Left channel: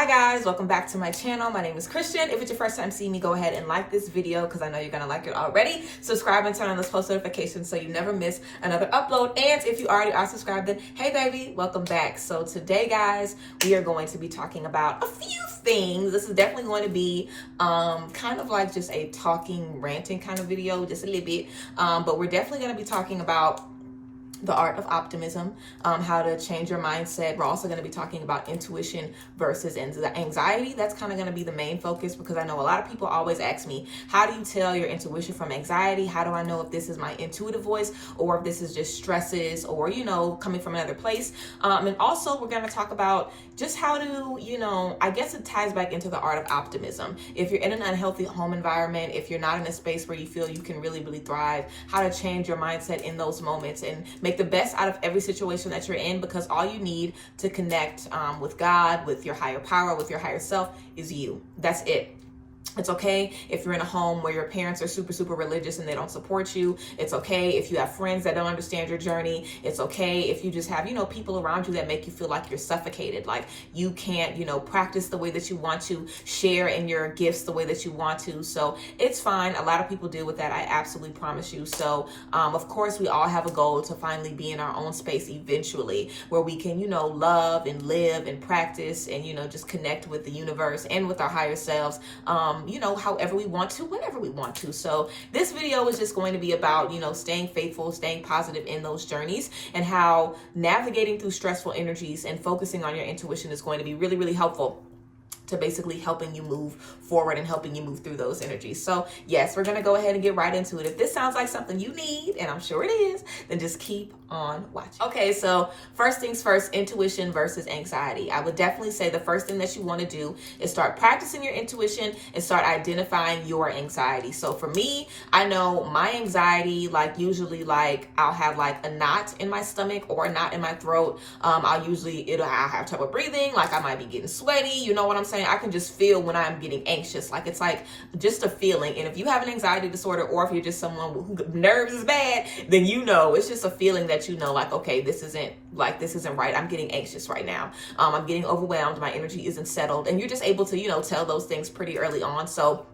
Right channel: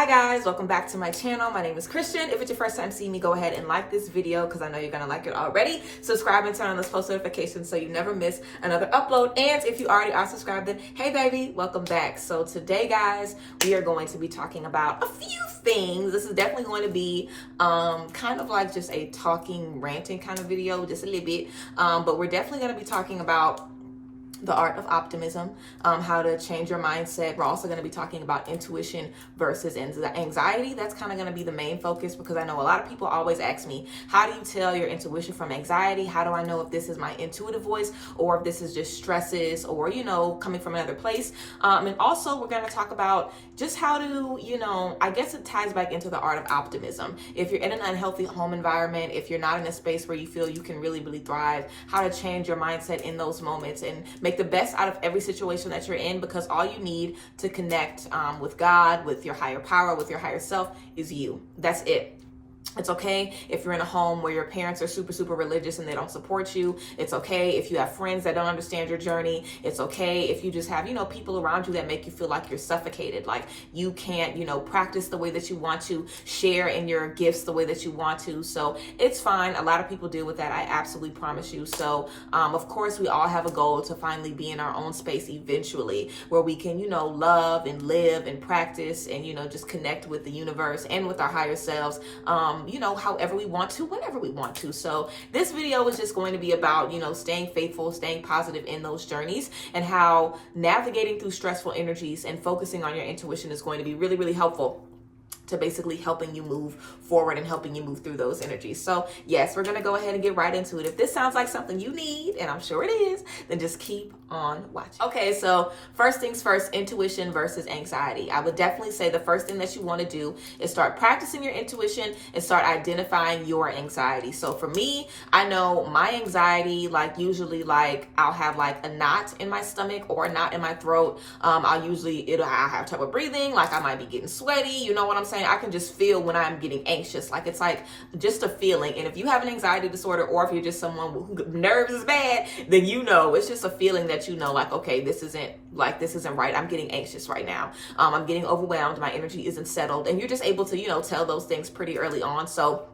Hi guys, welcome back to my channel. My name is Christian. If it's your first time seeing me, go ahead and like this video because I know you're gonna like it already. Subscribe and turn on those post notifications so you never miss another upload. And if you already are subscribed, then hey baby, welcome back. So today guys, we are going to be talking about a few things. This is definitely going to be kind of like just a talking, ranting kind of video, just a little bit. But we're definitely going to be talking about the art of optimism, how to change your mindset. We're also going to be talking about intuition versus anxiety. That's kind of going to be the main focus because I know a lot of people always ask me, how do you tell your intuition from anxiety? How do I know if this is my intuitive voice or if this is just stresses or, you know, coming from another place? And also we're going to talk about just how to, you know, I guess it ties back into the art of optimism. If you're in an unhealthy home environment, if you're not in a space where you feel you can really, really thrive, how to change your mindset in those moments and make the best out of every situation that you're in, because all you need to connect with God, with your higher power, with your higher self is you. That's it. It's okay if you're in a home where your parents are super, super religious and they don't support you. It's okay if you have friends that don't understand your journey. It's okay if you just have, you know, people around you that make you feel like you're suffocated, like you can't, you know, practice the way that you want to, share in your gifts the way that you want to. So it's fine. A lot of people deal with that. I absolutely promise you. So, of course, we all have a goal to finally be in our own space eventually where we can, you know, love and live and practice and, you know, just connect with the universe and with our higher selves. You know, however we want to, whenever we want to. So this video is just going to be about, you know, staying faithful, staying positive in those journeys, and how navigating through stressful energies and focusing on your intuition is going to be really, really helpful to basically helping you move forward and helping you move through those energies. So yes, we're going to go ahead and get right into it. If this sounds like something you need, and I'm sure it is, then just keep on watching. Okay, so first things first, intuition versus anxiety. I would definitely say the first thing that you want to do is start practicing your intuition and start identifying your anxiety. So for me, I know my anxiety, like usually like I'll have like a knot in my stomach or a knot in my throat. I'll have trouble breathing, like I might be getting sweaty. You know what I'm saying? I can just feel when I'm getting anxious, like it's like just a feeling. And if you have an anxiety disorder or if you're just someone who nerves is bad, then you know it's just a feeling that you know, like, okay, this isn't right. I'm getting anxious right now. I'm getting overwhelmed. My energy isn't settled. And you're just able to, you know, tell those things pretty early on. So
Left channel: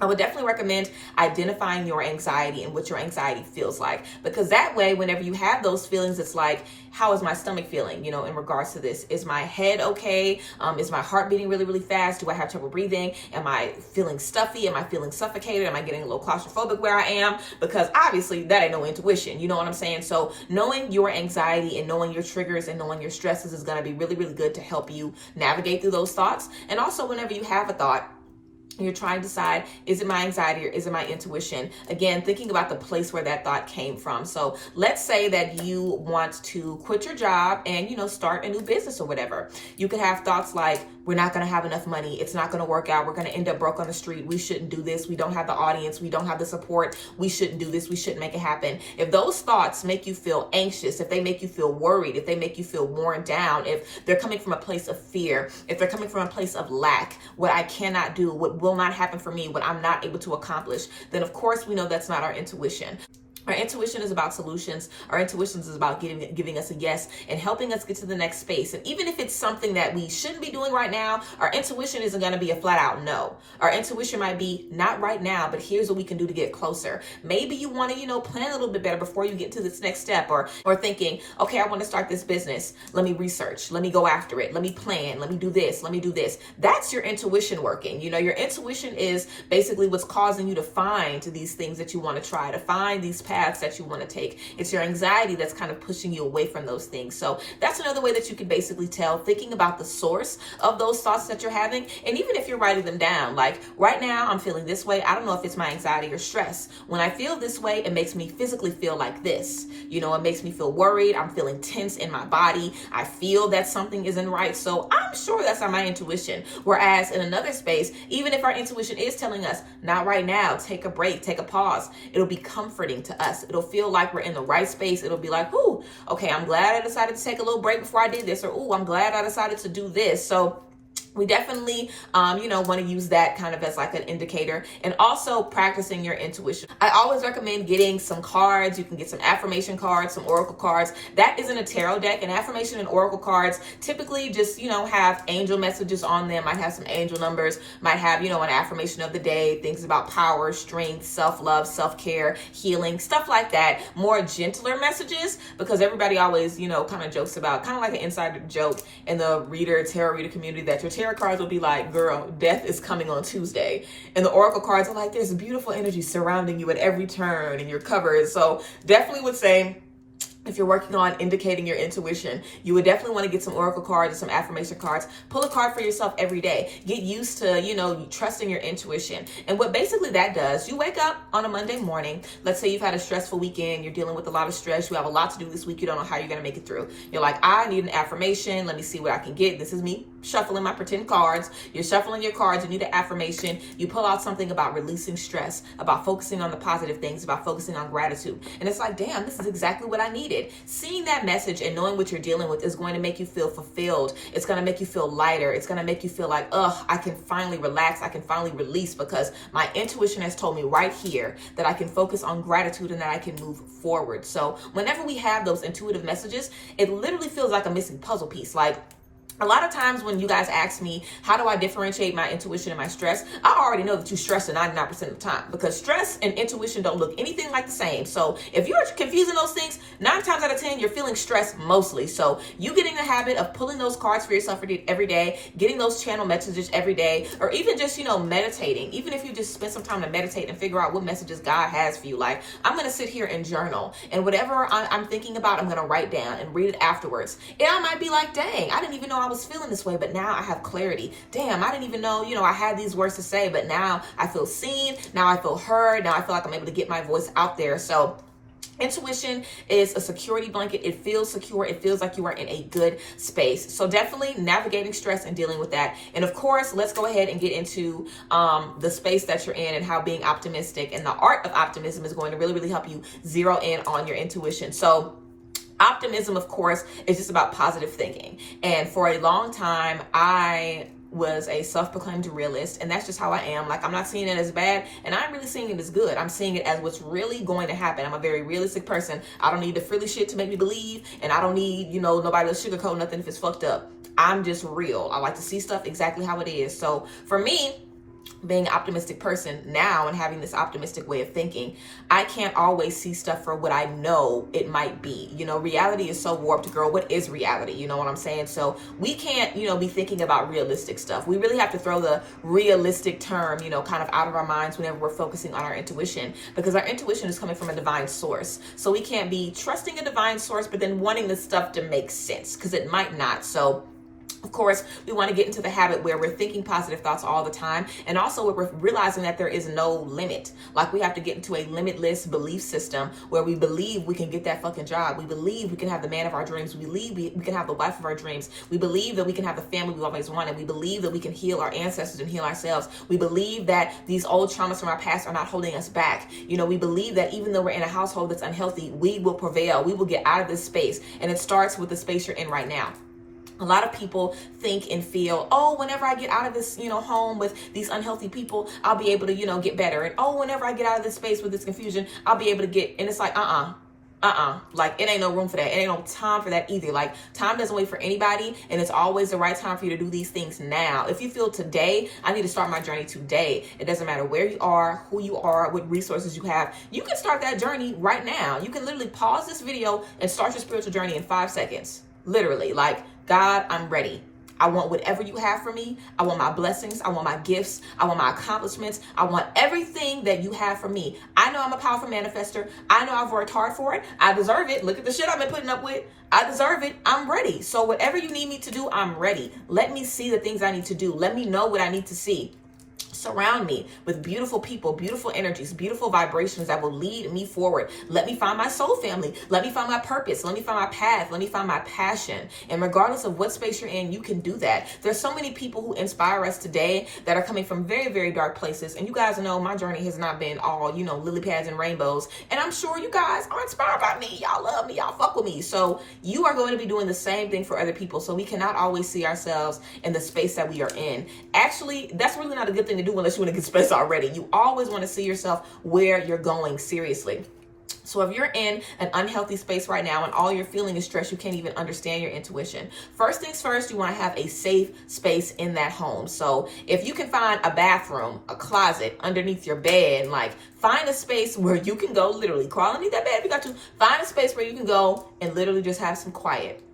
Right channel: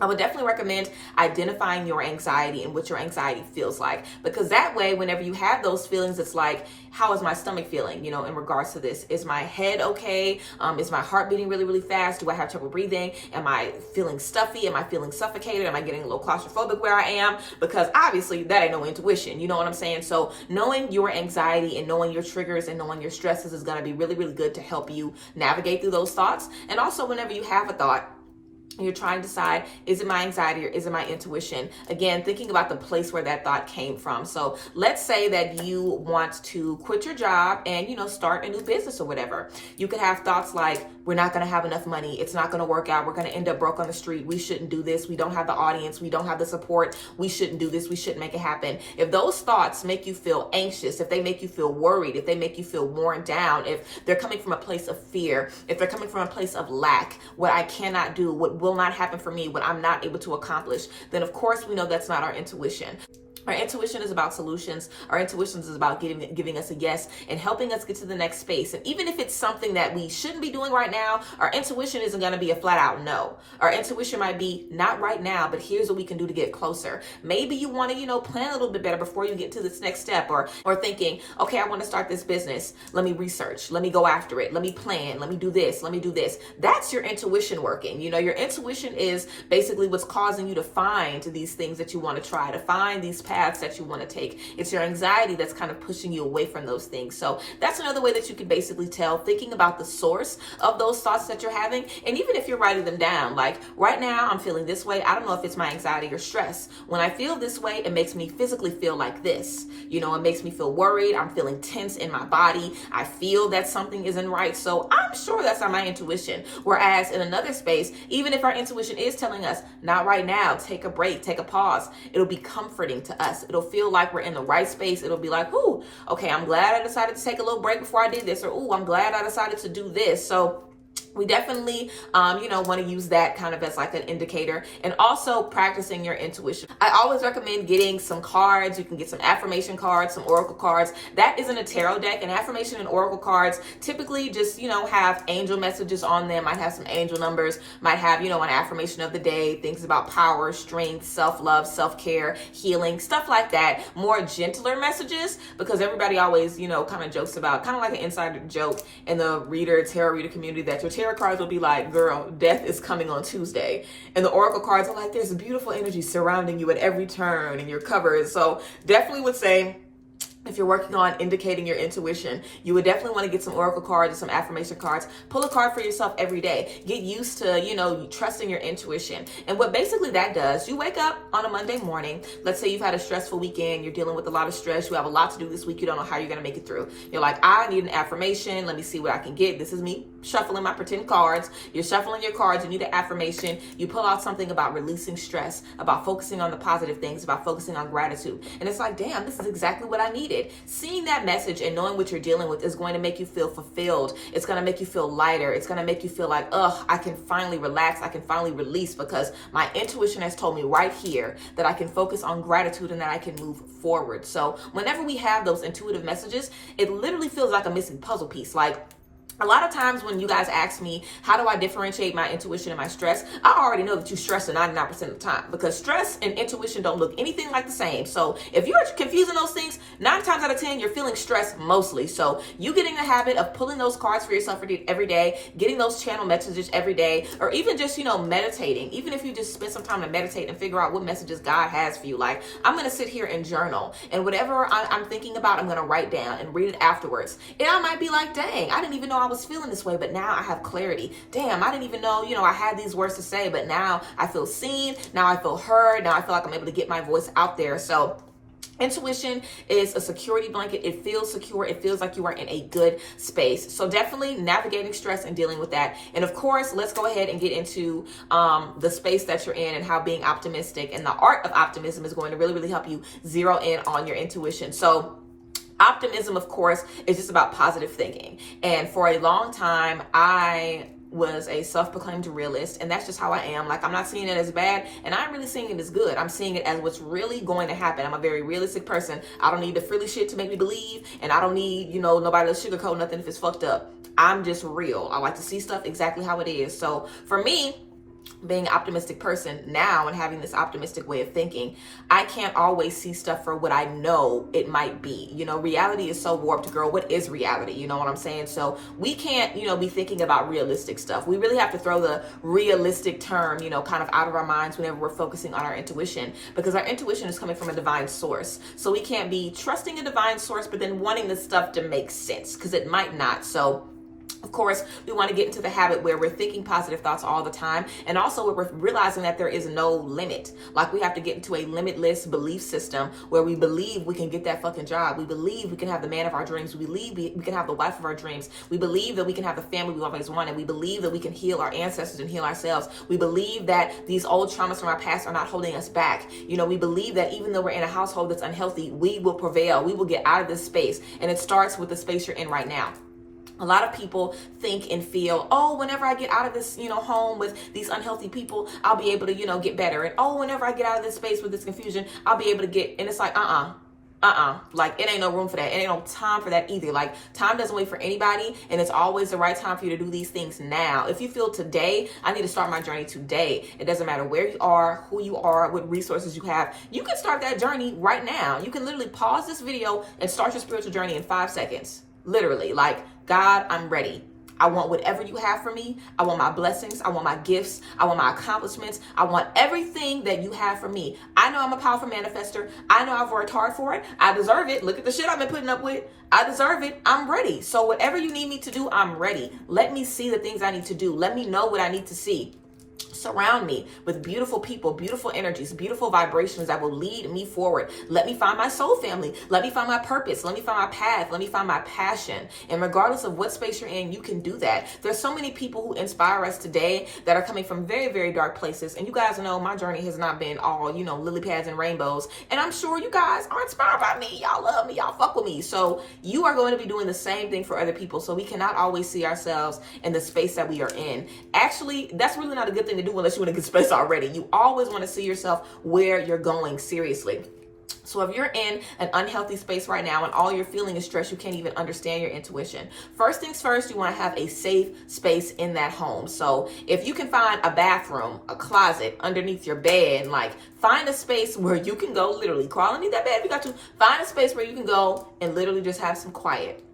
I would definitely recommend identifying your anxiety and what your anxiety feels like, because that way, whenever you have those feelings, it's like, how is my stomach feeling, you know, in regards to this? Is my head okay? Is my heart beating really, really fast? Do I have trouble breathing? Am I feeling stuffy? Am I feeling suffocated? Am I getting a little claustrophobic where I am? Because obviously that ain't no intuition. You know what I'm saying? So knowing your anxiety and knowing your triggers and knowing your stresses is going to be really, really good to help you navigate through those thoughts. And also whenever you have a thought, you're trying to decide, is it my anxiety or is it my intuition? Again, thinking about the place where that thought came from. So let's say that you want to quit your job and, you know, start a new business or whatever. You could have thoughts like, we're not going to have enough money. It's not going to work out. We're going to end up broke on the street. We shouldn't do this. We don't have the audience. We don't have the support. We shouldn't do this. We shouldn't make it happen. If those thoughts make you feel anxious, if they make you feel worried, if they make you feel worn down, if they're coming from a place of fear, if they're coming from a place of lack, what I cannot do, what will not happen for me, what I'm not able to accomplish, then of course we know that's not our intuition. Our intuition is about solutions. Our intuition is about giving us a yes and helping us get to the next space. And even if it's something that we shouldn't be doing right now, our intuition isn't going to be a flat out no. Our intuition might be not right now, but here's what we can do to get closer. Maybe you want to, you know, plan a little bit better before you get to this next step, or thinking, okay, I want to start this business. Let me research. Let me go after it. Let me plan. Let me do this. Let me do this. That's your intuition working. You know, your intuition is basically what's causing you to find these things that you want to try, to find these paths that you want to take. It's your anxiety that's kind of pushing you away from those things. So that's another way that you can basically tell, thinking about the source of those thoughts that you're having. And even if you're writing them down, like right now I'm feeling this way. I don't know if it's my anxiety or stress. When I feel this way, it makes me physically feel like this. You know, it makes me feel worried. I'm feeling tense in my body. I feel that something isn't right. So I'm sure that's not my intuition. Whereas in another space, even if our intuition is telling us, not right now, take a break, take a pause, it'll be comforting to us. It'll feel like we're in the right space. It'll be like, ooh, okay, I'm glad I decided to take a little break before I did this, or ooh, I'm glad I decided to do this. So we definitely, want to use that kind of as like an indicator, and also practicing your intuition. I always recommend getting some cards. You can get some affirmation cards, some oracle cards. That isn't a tarot deck. And affirmation and oracle cards typically just, have angel messages on them, might have some angel numbers, might have, an affirmation of the day, things about power, strength, self-love, self-care, healing, stuff like that. More gentler messages, because everybody always, kind of jokes about, kind of like an insider joke in the tarot reader community, that your tarot cards will be like, girl, death is coming on Tuesday. And the oracle cards are like, there's a beautiful energy surrounding you at every turn, and you're covered. So definitely would say, if you're working on indicating your intuition, you would definitely want to get some oracle cards and some affirmation cards. Pull a card for yourself every day. Get used to, trusting your intuition. And what basically that does, you wake up on a Monday morning. Let's say you've had a stressful weekend. You're dealing with a lot of stress. You have a lot to do this week. You don't know how you're going to make it through. You're like, I need an affirmation. Let me see what I can get. This is me shuffling my pretend cards. You're shuffling your cards. You need an affirmation. You pull out something about releasing stress, about focusing on the positive things, about focusing on gratitude. And it's like, damn, this is exactly what I needed. Seeing that message and knowing what you're dealing with is going to make you feel fulfilled. It's going to make you feel lighter. It's going to make you feel like, I can finally relax. I can finally release, because my intuition has told me right here that I can focus on gratitude and that I can move forward. So whenever we have those intuitive messages, it literally feels like a missing puzzle piece. Like, a lot of times when you guys ask me, how do I differentiate my intuition and my stress? I already know that you stress 99% of the time, because stress and intuition don't look anything like the same. So if you're confusing those things, 9 times out of 10, you're feeling stressed mostly. So you get in the habit of pulling those cards for yourself every day, getting those channel messages every day, or even just, meditating. Even if you just spend some time to meditate and figure out what messages God has for you. Like, I'm going to sit here and journal, and whatever I'm thinking about, I'm going to write down and read it afterwards. And I might be like, dang, I didn't even know I was feeling this way, but now I have clarity. Damn, I didn't even know, I had these words to say, but now I feel seen. Now I feel heard. Now I feel like I'm able to get my voice out there. So intuition is a security blanket. It feels secure. It feels like you are in a good space. So definitely navigating stress and dealing with that. And of course, let's go ahead and get into the space that you're in and how being optimistic and the art of optimism is going to really, really help you zero in on your intuition. So optimism, of course, is just about positive thinking. And for a long time, I was a self-proclaimed realist, and that's just how I am. Like, I'm not seeing it as bad, and I'm really seeing it as good. I'm seeing it as what's really going to happen. I'm a very realistic person. I don't need the frilly shit to make me believe, and I don't need, nobody to sugarcoat nothing if it's fucked up. I'm just real. I like to see stuff exactly how it is. So for me, being an optimistic person now and having this optimistic way of thinking, I can't always see stuff for what I know it might be. Reality is so warped, girl. What is reality? You know what I'm saying? So we can't, be thinking about realistic stuff. We really have to throw the realistic term, kind of out of our minds whenever we're focusing on our intuition, because our intuition is coming from a divine source. So we can't be trusting a divine source, but then wanting the stuff to make sense, because it might not. So of course, we want to get into the habit where we're thinking positive thoughts all the time, and also where we're realizing that there is no limit. Like, we have to get into a limitless belief system where we believe we can get that fucking job. We believe we can have the man of our dreams. We believe we can have the wife of our dreams. We believe that we can have the family we always wanted. We believe that we can heal our ancestors and heal ourselves. We believe that these old traumas from our past are not holding us back. We believe that even though we're in a household that's unhealthy, we will prevail. We will get out of this space. And it starts with the space you're in right now. A lot of people think and feel, whenever I get out of this, home with these unhealthy people, I'll be able to, get better. And whenever I get out of this space with this confusion, I'll be able to get, and it's like, like, it ain't no room for that. It ain't no time for that either. Like, time doesn't wait for anybody, and it's always the right time for you to do these things now. If you feel today, I need to start my journey today. It doesn't matter where you are, who you are, what resources you have. You can start that journey right now. You can literally pause this video and start your spiritual journey in 5 seconds. Literally, like, God, I'm ready. I want whatever you have for me. I want my blessings. I want my gifts. I want my accomplishments. I want everything that you have for me. I know I'm a powerful manifester. I know I've worked hard for it. I deserve it. Look at the shit I've been putting up with. I deserve it. I'm ready. So whatever you need me to do, I'm ready. Let me see the things I need to do. Let me know what I need to see. Surround me with beautiful people, beautiful energies, beautiful vibrations that will lead me forward. Let me find my soul family. Let me find my purpose. Let me find my path. Let me find my passion. And regardless of what space you're in, you can do that. There's so many people who inspire us today that are coming from very, very dark places. And you guys know my journey has not been all, lily pads and rainbows. And I'm sure you guys are inspired by me. Y'all love me. Y'all fuck with me. So you are going to be doing the same thing for other people. So we cannot always see ourselves in the space that we are in. Actually, that's really not a good thing to do unless you're in a good space already. You always want to see yourself where you're going, seriously. So if you're in an unhealthy space right now and all you're feeling is stress, you can't even understand your intuition. First things first, you want to have a safe space in that home. So if you can find a bathroom, a closet underneath your bed, like find a space where you can go, literally crawl underneath that bed if you got to. Find a space where you can go and literally just have some quiet.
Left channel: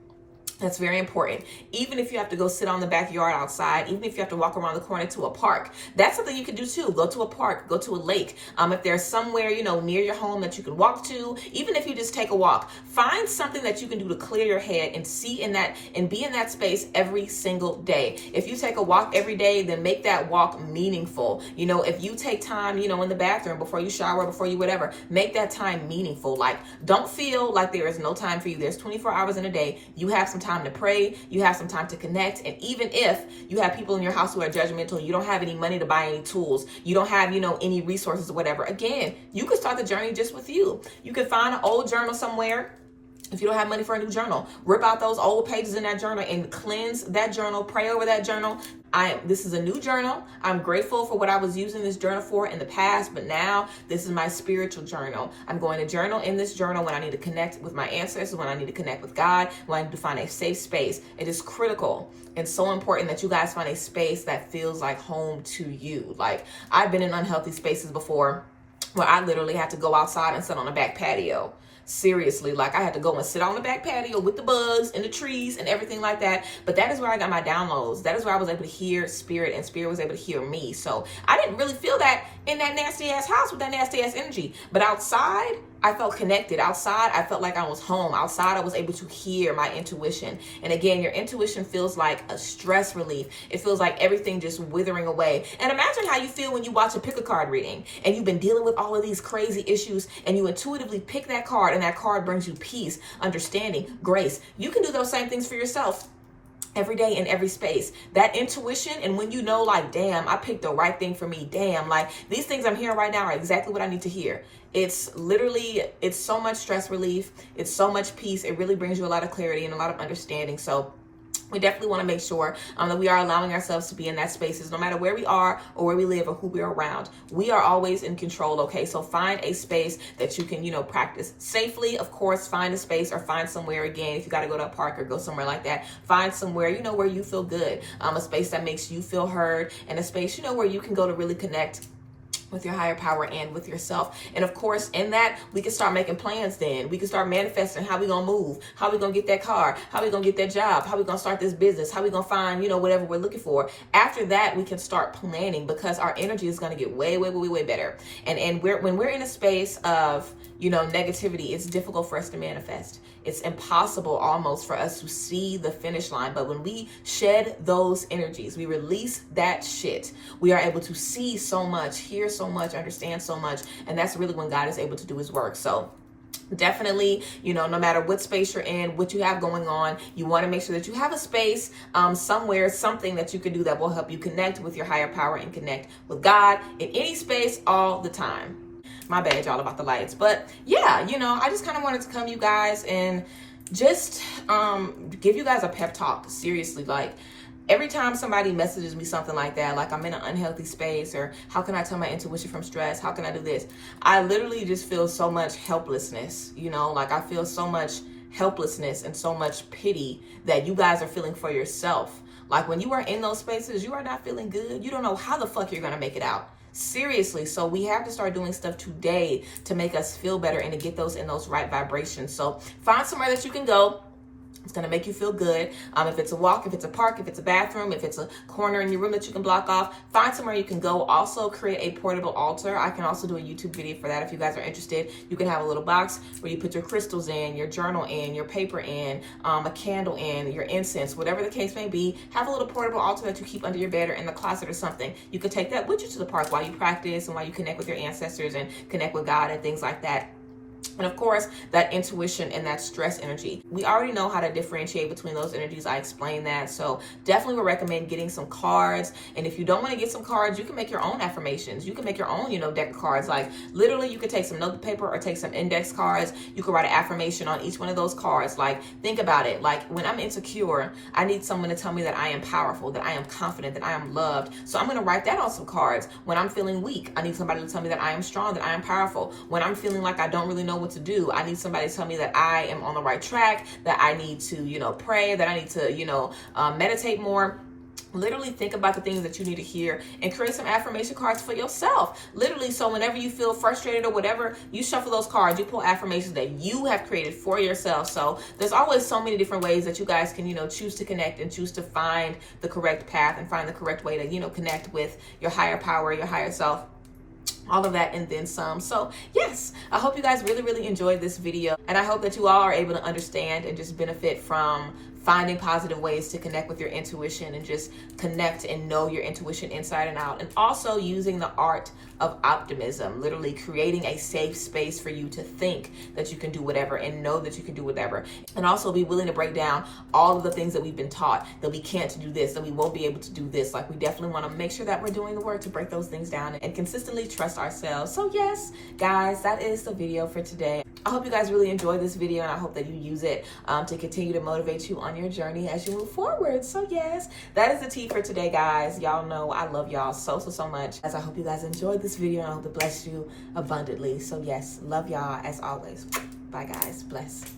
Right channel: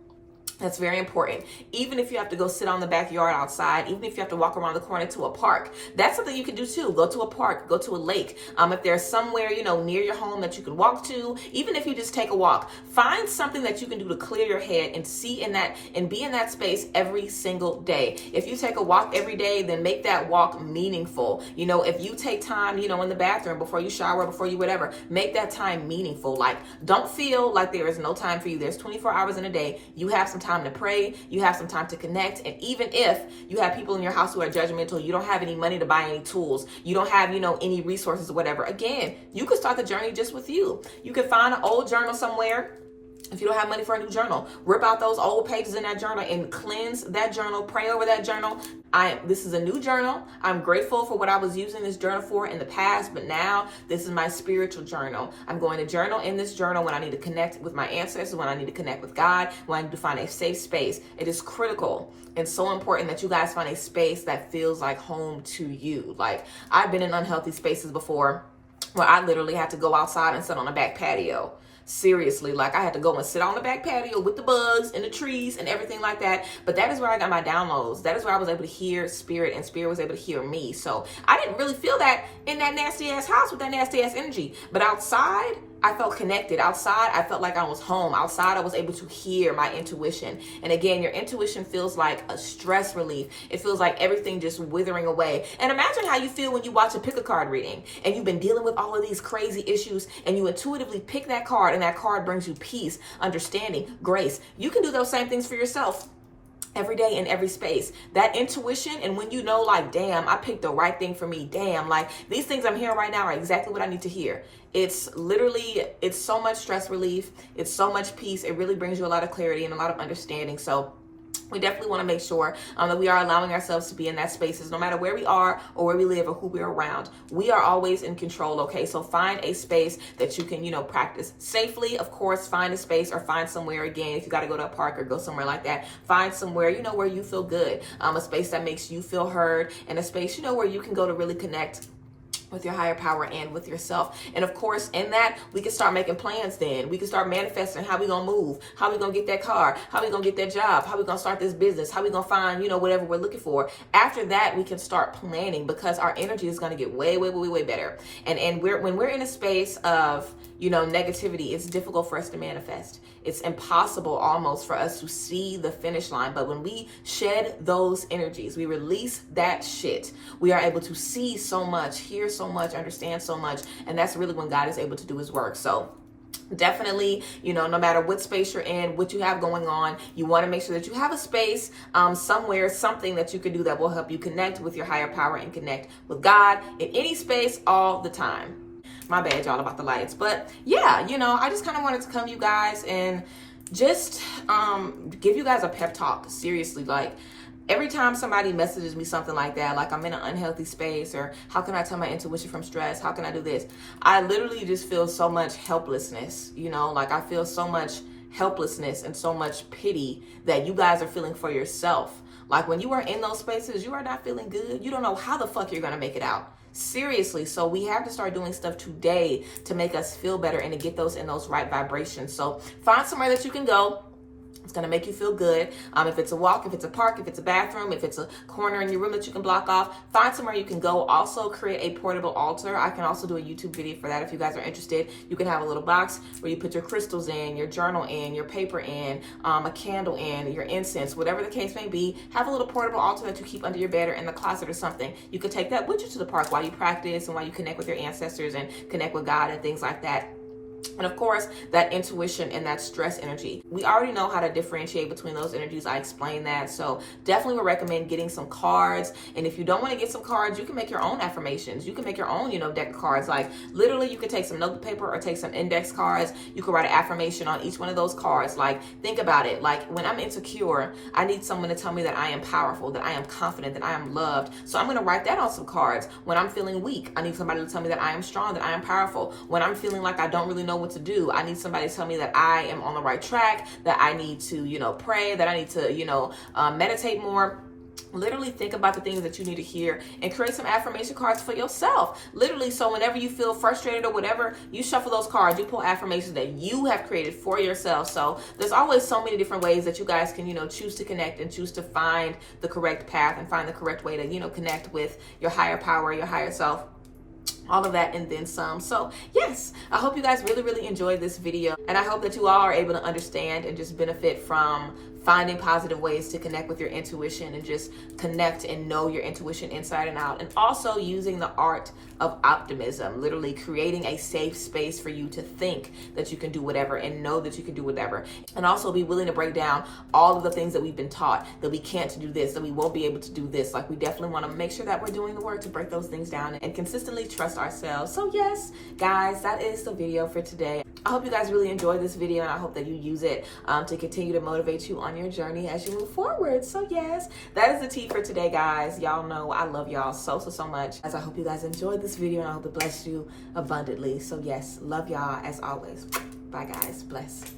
That's very important. Even if you have to go sit on the backyard outside, even if you have to walk around the corner to a park, that's something you can do too. Go to a park, go to a lake. If there's somewhere, near your home that you can walk to, even if you just take a walk, find something that you can do to clear your head and see in that and be in that space every single day. If you take a walk every day, then make that walk meaningful. If you take time, in the bathroom before you shower, before you whatever, make that time meaningful. Like, don't feel like there is no time for you. There's 24 hours in a day. You have some time to pray, you have some time to connect. And even if you have people in your house who are judgmental, you don't have any money to buy any tools, you don't have, any resources or whatever, again, you could start the journey just with you. You could find an old journal somewhere. If you don't have money for a new journal, rip out those old pages in that journal and cleanse that journal, pray over that journal. This is a new journal. I'm grateful for what I was using this journal for in the past, but now this is my spiritual journal. I'm going to journal in this journal when I need to connect with my ancestors, when I need to connect with God, when I need to find a safe space. It is critical and so important that you guys find a space that feels like home to you. Like, I've been in unhealthy spaces before where I literally had to go outside and sit on a back patio. Seriously, like I had to go and sit on the back patio with the bugs and the trees and everything like that. But that is where I got my downloads. That is where I was able to hear spirit, and spirit was able to hear me. So I didn't really feel that in that nasty ass house with that nasty ass energy. But outside, I felt connected. Outside, I felt like I was home. Outside, I was able to hear my intuition. And again, your intuition feels like a stress relief. It feels like everything just withering away. And imagine how you feel when you watch a pick a card reading and you've been dealing with all of these crazy issues and you intuitively pick that card and that card brings you peace, understanding, grace. You can do those same things for yourself every day in every space. That intuition, and when you know, like, damn, I picked the right thing for me. Damn, like these things I'm hearing right now are exactly what I need to hear. It's so much stress relief. It's so much peace. It really brings you a lot of clarity and a lot of understanding. So we definitely want to make sure that we are allowing ourselves to be in that spaces, no matter where we are or where we live or who we're around. We are always in control, okay? So find a space that you can, practice safely. Of course, find a space or find somewhere, again, if you got to go to a park or go somewhere like that, find somewhere, where you feel good, a space that makes you feel heard, and a space, where you can go to really connect with your higher power and with yourself. And of course, in that, we can start making plans then. We can start manifesting how we gonna move, how we gonna get that car, how we gonna get that job, how we gonna start this business, how we gonna find, whatever we're looking for. After that, we can start planning because our energy is gonna get way, way, way, way better. And when we're in a space of, negativity, it's difficult for us to manifest. It's impossible almost for us to see the finish line. But when we shed those energies, we release that shit, we are able to see so much, hear so much, understand so much. And that's really when God is able to do his work. So definitely, no matter what space you're in, what you have going on, you want to make sure that you have a space somewhere, something that you can do that will help you connect with your higher power and connect with God in any space all the time. My bad, y'all, about the lights. But yeah, I just kind of wanted to come to you guys and just give you guys a pep talk. Seriously, like every time somebody messages me something like that, like I'm in an unhealthy space, or how can I tell my intuition from stress? How can I do this? I literally just feel so much helplessness, like I feel so much helplessness and so much pity that you guys are feeling for yourself. Like when you are in those spaces, you are not feeling good. You don't know how the fuck you're going to make it out. Seriously. So we have to start doing stuff today to make us feel better and to get those in those right vibrations. So find somewhere that you can go It's going to make you feel good. If it's a walk, if it's a park, if it's a bathroom, if it's a corner in your room that you can block off, find somewhere you can go. Also create a portable altar. I can also do a YouTube video for that if you guys are interested. You can have a little box where you put your crystals in, your journal in, your paper in, a candle in, your incense, whatever the case may be. Have a little portable altar that you keep under your bed or in the closet or something. You could take that with you to the park while you practice and while you connect with your ancestors and connect with God and things like that. And of course, that intuition and that stress energy. We already know how to differentiate between those energies. I explained that. So definitely would recommend getting some cards. And if you don't want to get some cards, you can make your own affirmations. You can make your own, deck of cards. Like literally you could take some note paper or take some index cards. You could write an affirmation on each one of those cards. Like think about it. Like when I'm insecure, I need someone to tell me that I am powerful, that I am confident, that I am loved. So I'm going to write that on some cards. When I'm feeling weak, I need somebody to tell me that I am strong, that I am powerful. When I'm feeling like I don't really know what to do, I need somebody to tell me that I am on the right track, that I need to, pray, that I need to, meditate more. Literally think about the things that you need to hear and create some affirmation cards for yourself. Literally, so whenever you feel frustrated or whatever, you shuffle those cards, you pull affirmations that you have created for yourself. So there's always so many different ways that you guys can, choose to connect and choose to find the correct path and find the correct way to, connect with your higher power, your higher self. All of that and then some. So yes, I hope you guys really enjoyed this video, and I hope that you all are able to understand and just benefit from finding positive ways to connect with your intuition and just connect and know your intuition inside and out. And also using the art of optimism, literally creating a safe space for you to think that you can do whatever and know that you can do whatever. And also be willing to break down all of the things that we've been taught, that we can't do this, that we won't be able to do this. Like we definitely want to make sure that we're doing the work to break those things down and consistently trust ourselves. So yes, guys, that is the video for today. I hope you guys really enjoyed this video, and I hope that you use it to continue to motivate you on your journey as you move forward. So yes, that is the tea for today, guys. Y'all know I love y'all so much. As I hope you guys enjoyed this video, and I hope it blessed you abundantly. So yes, love y'all as always. Bye guys, bless.